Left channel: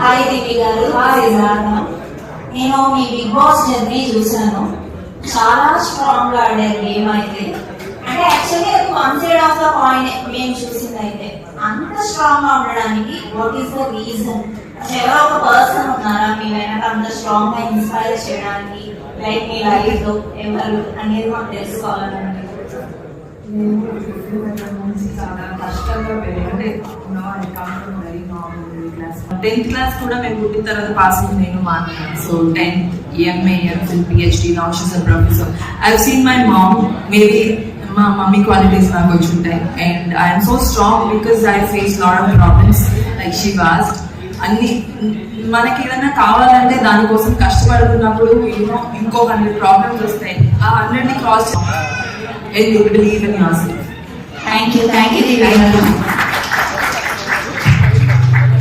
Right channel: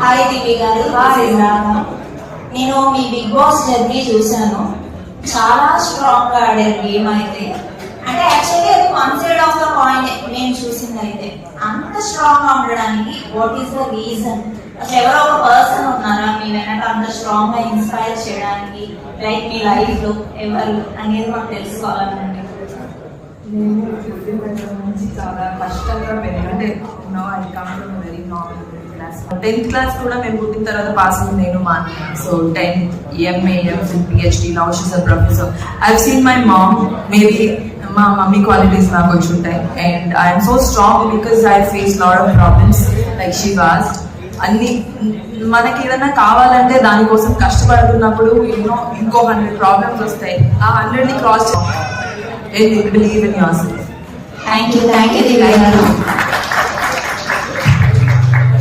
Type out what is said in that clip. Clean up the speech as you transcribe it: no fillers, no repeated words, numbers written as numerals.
Hi దివ్య గారు. నేను మీ big boss journey చూసాను. చాలా స్ట్రాంగ్ గా ఆడారు గేమ్ అయితే. అంటే యాక్చువల్లీ అది కన్సిడర్ ఆఫ్ ద పాయింట్ మేము చూసింది అయితే. అంత స్ట్రాంగ్ గా ఉండడానికి వాట్ ఈస్ ద రీజన్? అసలు ఎవరో ఒక పర్సన్ ఉన్నారా మీ వెనక అంత స్ట్రాంగ్ గా ఇన్స్పైర్ చేయడానికి? లైక్ మీ లైఫ్ లో ఎవరు అనేది మాకు తెలుసుకోవాలండి. చాలా కష్టంగా పెరిగింది. Very normal class. 10th class కూడా మేము పుట్టిన తర్వాత పాస్ అయింది నేను మా అన్న. So 10th MA, MPhil, PhD, now she's a professor. I've seen my mom, maybe మా మమ్మీ క్వాలిటీస్ నాకు వచ్చి ఉంటాయి. And I'm so strong because I face lot of problems like she was. అన్ని మనకి ఏదైనా కావాలంటే దానికోసం కష్టపడుతున్నప్పుడు ఇంకో 100 ప్రాబ్లమ్స్ వస్తాయి. ఆ 100ని cross believe in yourself. Thank you Divya గారు.